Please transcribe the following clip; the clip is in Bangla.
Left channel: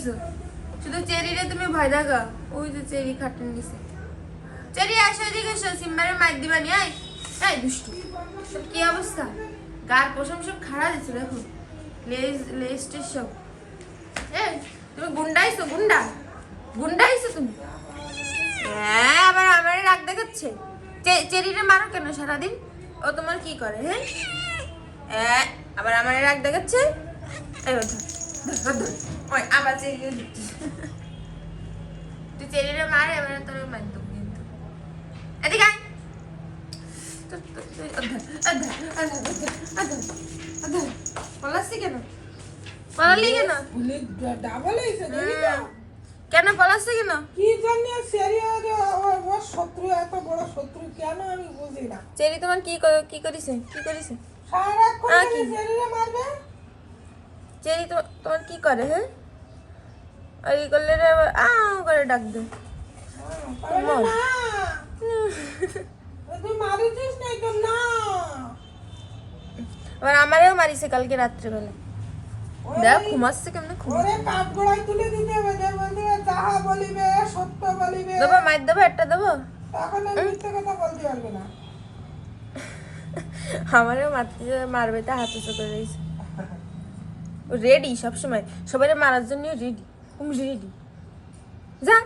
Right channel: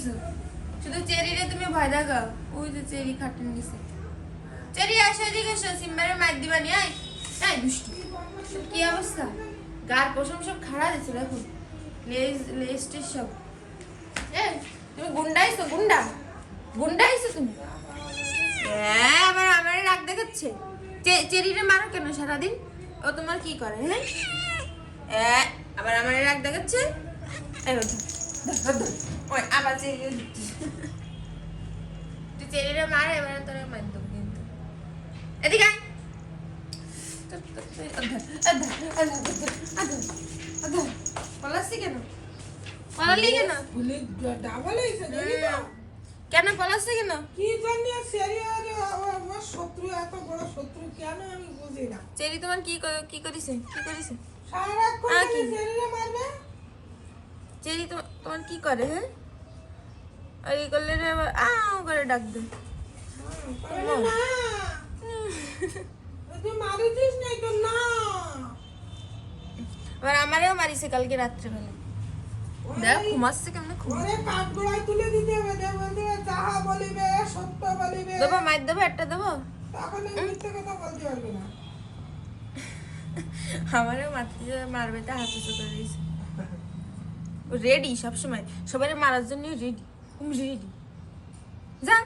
কইছো শুধু চেরিরে তুমি ভয় দেখাও ওই যে চেরি খাটন দিছে চেরি আসো এদিকে এসো সিম্বারের মাইক দিবানি আয় এই দুষ্টু কি অবস্থা গার পশম সব খাড়া দিছে দেখো লেস্টের সব তুমি গুন্ডাইছো গুন্ডাইছো তুমি হ্যাঁ আবার আমার রাগ দেখাচ্ছে চেরিটা মারো কেন সারাদিন ও তোমার কি করে হ্যাঁ আবার আমার রাগ দেখাচ্ছে ওই আবার চেরিও দিচ্ছি তুই চেরিটা মারে এবার তোর মার দেবো কিন্তু এদিকে পলাচ্ছি কেন পলালি কেন কেন পলাচ্ছি কেন কি জানি সেরিয়ার ও শত্রু এত বড় শত্রু কেন আমি বুঝি না চেরি তোমার কি করেছে সারাক্ষণ সেরিয়া মারবে চেরি তো তোমার কি করে হ্যাঁ আর কি করলে রে করে ডাক দে তুই মারিছিস নাই তো না আর আমারেও মারিছে কালকে রাত্রেবেলা দেখ ঘুমাচ্ছে কেমনে ওরে কাঠ গোড়ায় তুলে দিতে হবে দে বলতে যাহা বলিবে সত্য বলিবে দেবো মাইর দেবো একটা দেবো তখন মিথ্যে কথা বলতে পারবে না আমারও মারবে তা হাতে চোখে রয়েছে রেডি সবসময় সবাই মারার জন্য রেডি যা